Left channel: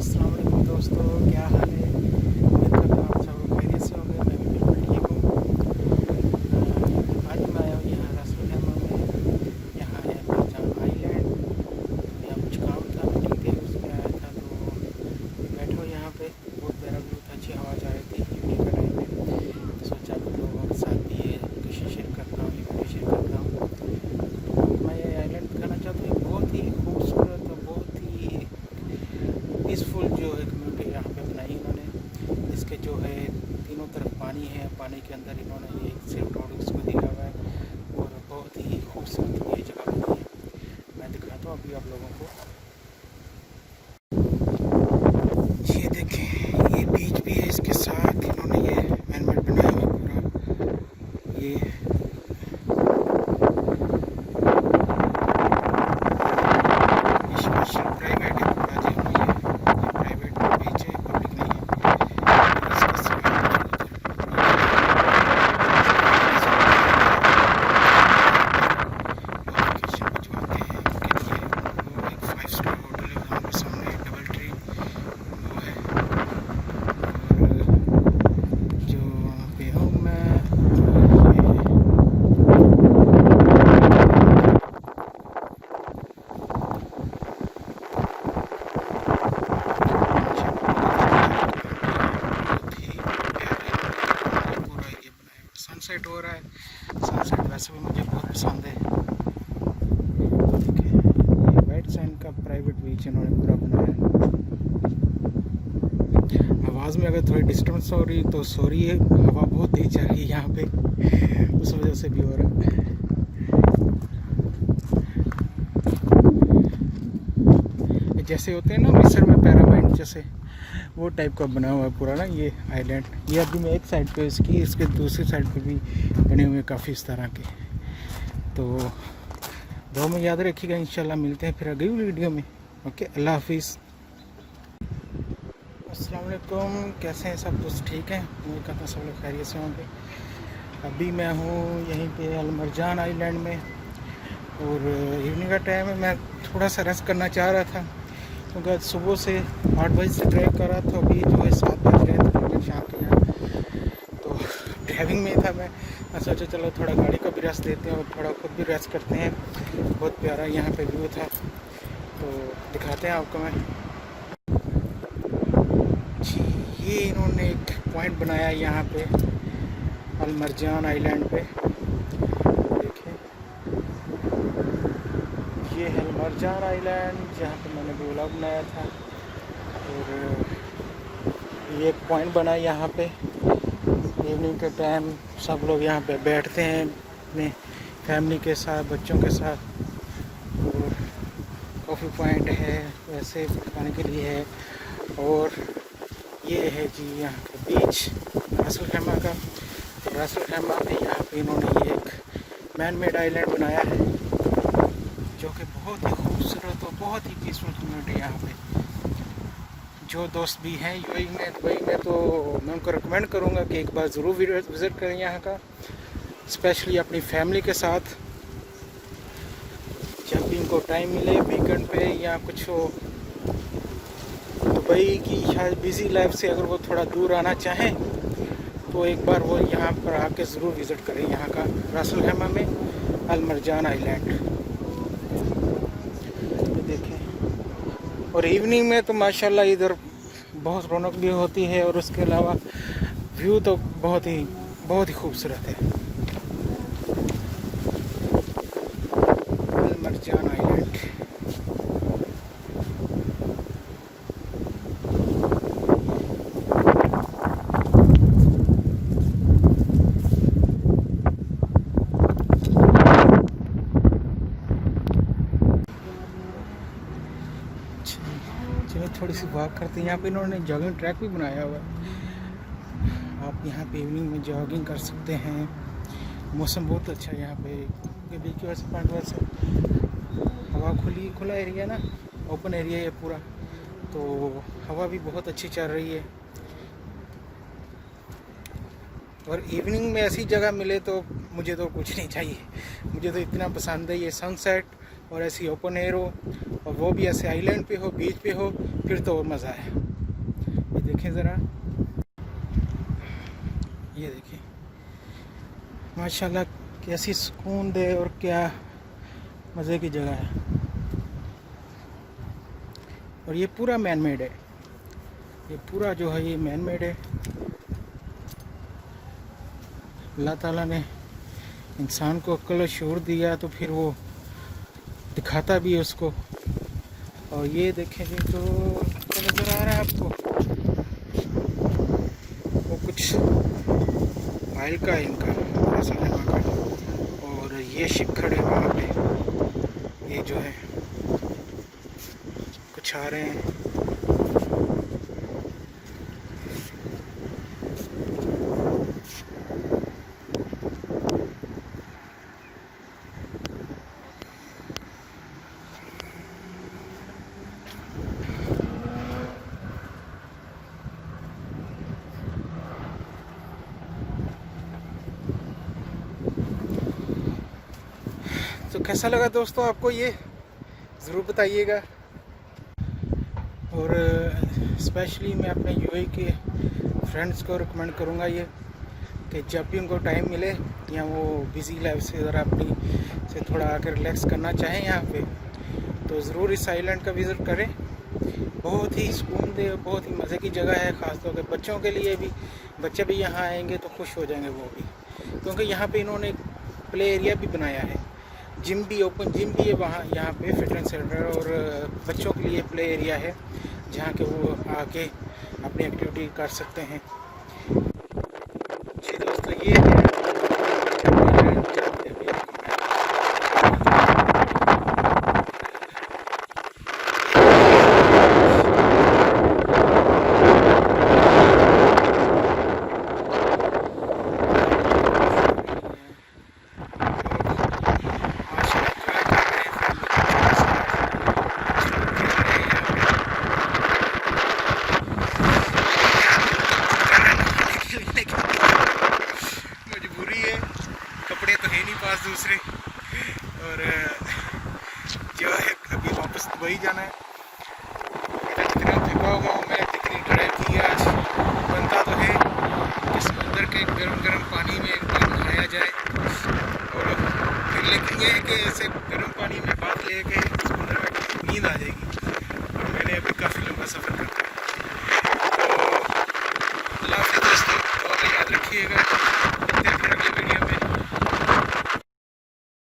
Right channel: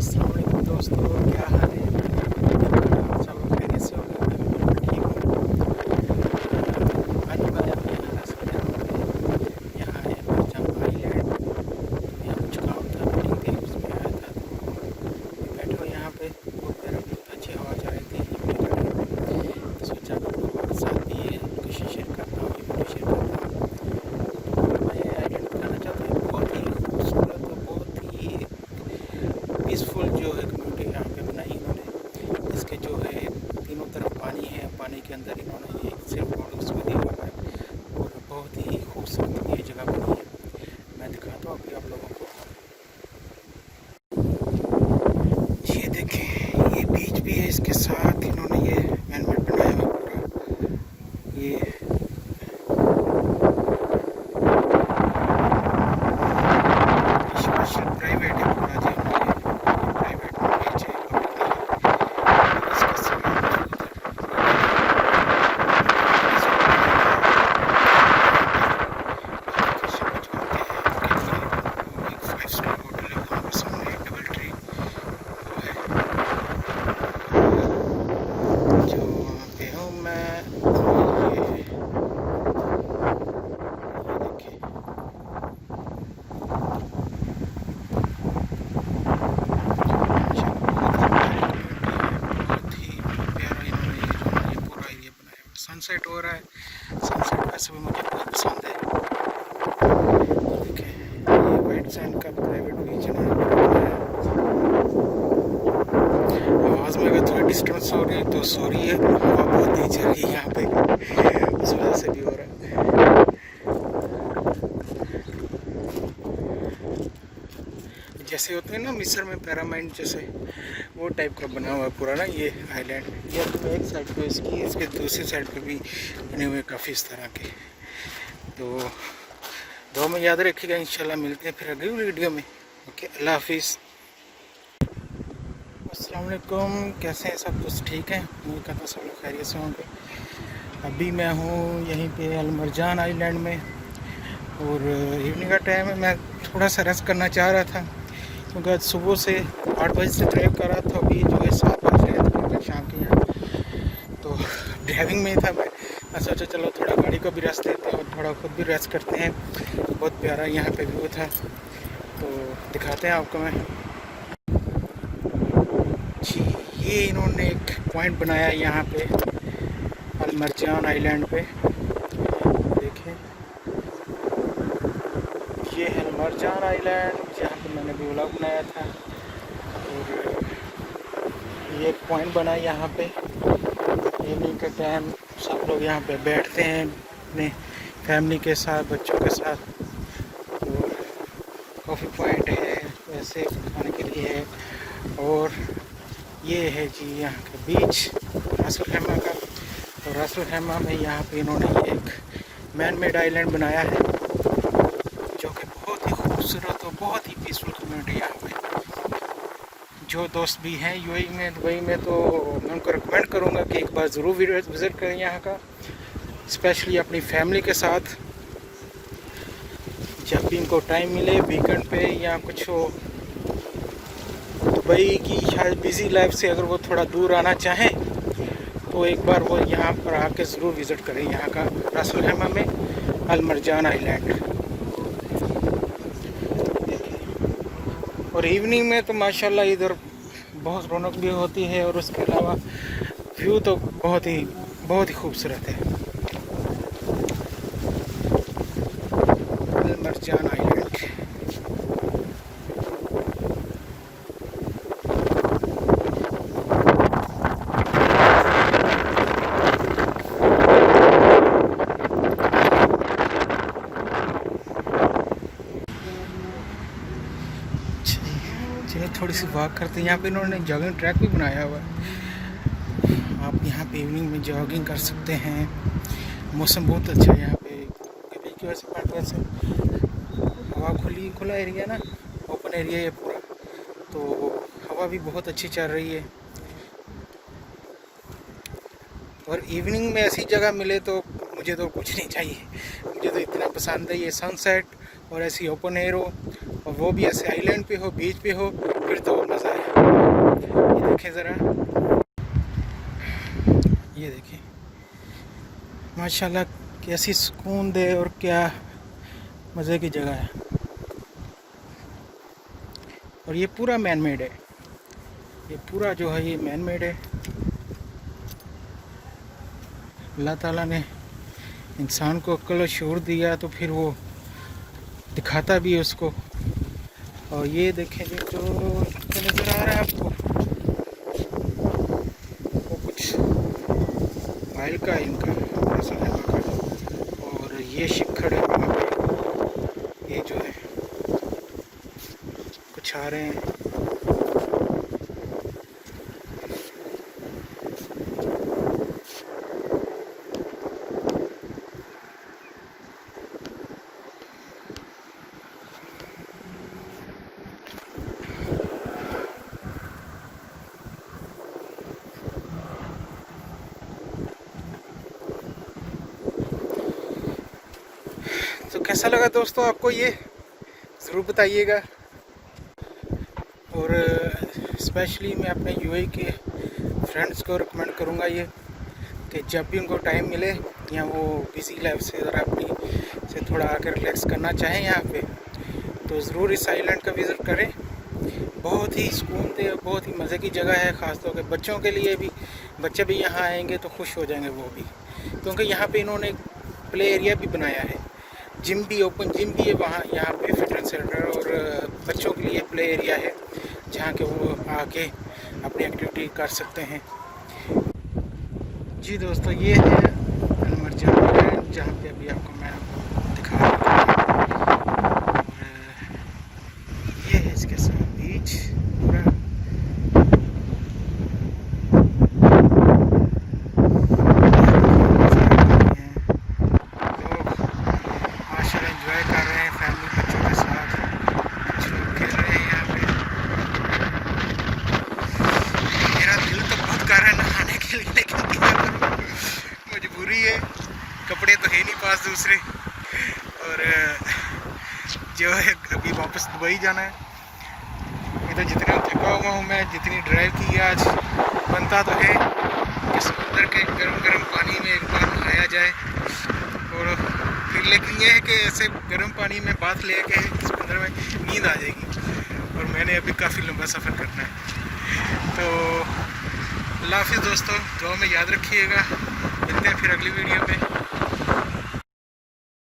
अस्सलाम वालेकुम दोस्तों, क्या हाल है? आप सब लोग खैरियत से होंगे। मैं भी बिल्कुल ठीक हूँ। आज मैं आया हूँ यहाँ रास्ते में। यहाँ है मिर्जान आइलैंड। तो यहाँ कुछ काम था, मीटिंग थी, उसमें आया था। तो बैठे हो यहाँ पे, बहुत प्यारा व्यू था, अच्छी हवा जा रही थी इवनिंग का टाइम में। तो सोचा आप लोगों के साथ भी ये लोकेशन शेयर करता हूँ, ये वीडियो शेयर करता हूँ। तो मैं ये आइलैंड बताना चाहता हूँ, बहुत ही खूबसूरत और बहुत ही पीसफुल जो है कम्युनिटी यहाँ पे बनाई इन्होंने। इसके जो है तीनों तरफ पानी है, पानी के अंदर इन्होंने ये सिर्फ रोड उसको दिया हुआ है और बहुत ही खूबसूरत ये जगह बनी है। मैं दिखाता हूँ अभी आप लोगों को। ये देखें, ये बीच भी है, इसके साथ इन्होंने ये मैनमेड बनाया हुआ पूरा। ये प्राइवेट है पूरा जी, ये प्राइवेट बीच है, पब्लिक नहीं। इसके साथ एक 5 स्टार होटल है वहाँ पर सामने, डबल ट्री वो है जो वहाँ पे हूँ मैं। सनसेट हो रहा है, सनसेट वैसे भी मुझे बहुत पसंद है। देखिए, ये वाइट सैंड का प्राइवेट बीच इन्होंने बनाया। आवाज़ में अगर थोड़ी डिस्टर्बेंस हो रही तो सॉरी है, हवा बहुत तेज चल रही है यहाँ पे, उस वजह से भी हो रहा है। जैसे होते हैं ना मिस्र में पैरामाइंट, जैसे वो टाइप का बना हुआ है पूरा ना ये आइलैंड। ये अभी मैं एक साइड पे इसकी, इसके दूसरी साइड पे भी बने हुए काफ़ी इस तरह के। तो दो में याद रखिएगा, इंशाल्लाह मिलते हैं फिर अगली वीडियो में। ओके, अल्लाह हाफिज़। अस्सलाम वालेकुम, कैसे हैं सब? दोस्त ठीक हैं? उम्मीद करता हूँ सब लोग खैरियत से होंगे। अभी मैं हूँ यहीं पे अल मरजान आइलैंड में और इवनिंग का टाइम है। मैं थोड़ा सा रेस्ट करना चाह रहा था क्योंकि आज सुबह से 8 बजे से ड्राइव कर रहा था। अभी जो है 7 बज रहे थे मैं शाम के यहाँ, तो ड्राइविंग में ही था मैं सोचा चलो थोड़ा गाड़ी को भी रेस्ट देते हैं और थोड़ा खुद भी रेस्ट करते हैं। बहुत प्यारा यहाँ पे व्यू था, तो दिखाते हैं आपको मैं जी। ये इन्होंने एक पॉइंट बनाया यहाँ पे अल मरजान आइलैंड पे, देखें। ये है अल मरजान आइलैंड जहाँ पे मैंने भी व्लॉग बनाया था। और ये एक पॉइंट बना है यहाँ पे। इवनिंग के टाइम सब लोग यहाँ पे बैठते हैं अपने फैमिली के साथ, बच्चों के साथ। और कॉफ़ी पॉइंट है, वैसे खाने के लिए है। और ये है जी यहाँ का बीच रासुल खैमा का। तो रासुल खैमा में यहाँ पे इन्होंने एक मैन मेड आइलैंड बनाया है जो कि बहुत ही खूबसूरत और बहुत ही पीसफुल कम्युनिटी यहाँ पे। जो दोस्त भी हैं यूएई में, दुबई में, तो मैं उनको रिकमेंड करूँगा कि एक बार ज़रूर विज़िट करें यहाँ का, स्पेशली अपनी फैमिली के साथ। जब भी इनको टाइम मिले वीकेंड पे या कुछ हो, दुबई की शायद बिज़ी लाइफ से अगर वो थोड़ा दूर आना चाहें तो एक बार वो यहाँ पर आके ज़रूर विज़िट करें यहाँ का रासुल खैमा में अल मरजान आइलैंड। और इवनिंग में तो माशाल्लाह इधर बहुत रौनक भी होती है और उसके अलावा व्यू तो बहुत ही खूबसूरत है। अल मरजान आइलैंड। चलिए थोड़ी सी वॉक करते हैं। यहाँ पे इन्होंने जॉगिंग ट्रैक भी बनाया हुआ है, आप यहाँ पे इवनिंग में जॉगिंग कर सकते हैं। मौसम बहुत अच्छा है यहाँ पे, बीच की वजह से पॉइंट वैसे हवा खुला एरिया ना, ओपन एरिया है पूरा, तो हवा भी बहुत अच्छी चल रही है। और इवनिंग में ऐसी जगह मिले तो मुझे तो कुछ नहीं चाहिए, मुझे तो इतना पसंद है ये सनसेट और ऐसी ओपन एयर हो और वो भी ऐसे आइलैंड पे हो, बीच पे हो, फिर तो और मज़ा है। ये देखें ज़रा, ये देखें माशाल्लाह कैसी सुकून दे और क्या मज़े की जगह है। और ये पूरा मैन मेड है, ये पूरा जो है ये मैन मेड है। अल्लाह ताला ने इंसान को अक्ल और शऊर दिया तो फिर वो दिखाता भी है उसको। और ये देखें जी, तो क्या नज़र आ रहा है आपको, वो कुछ माइल का इनका ऐसा जगह का। और ये शिखर है वहाँ पे, ये जो है कुछ आ रहे हैं। तो कैसा लगा दोस्तों आपको ये, ज़रूर बताइएगा। और स्पेशली मैं अपने यूएई के फ्रेंड्स को रिकमेंड करूँगा ये, कि जब भी उनको टाइम मिले या वो बिज़ी लाइफ से ज़रा अपनी से थोड़ा आकर रिलैक्स करना चाहें यहाँ पे, तो ज़रूर इस आइलैंड का विज़िट करें। बहुत ही सुकून दे, बहुत ही मज़े की जगह है, ख़ासतौर पर बच्चों के लिए भी। बच्चे भी यहाँ आएंगे तो खुश हो जाएंगे वो भी, क्योंकि यहाँ पे इन्होंने एक प्ले एरिया भी बनाया है, जिम भी, ओपन जिम भी है वहाँ, यहाँ पे फिटनेस सेंटर और बच्चों के लिए प्ले एरिया है जहाँ के वो आके अपनी एक्टिविटी कर सकते हैं। जी दोस्तों, ये है जहाँ पे अभी आपको मैं मजबूरी है, कपड़े तो है नहीं पास दूसरे। और जो है अभी वापस दुबई जाना है। इधर जितना थका हुआ हूँ मैं, जितनी ड्राइव की आज, बनता तो है कि समुद्र के गर्म गर्म पानी में एक बार नहाया जाए। और फिर लेकिन ये है कि ऐसे गर्म पानी में बात ले के समुद्र में नींद आ जाएगी, और मैंने अभी काफ़ी लंबा सफ़र करना है। तो अल्लाह हाफ़िज़ दोस्तों, दुआ में याद रखिएगा। मिलते हैं फिर अगली वीडियो में।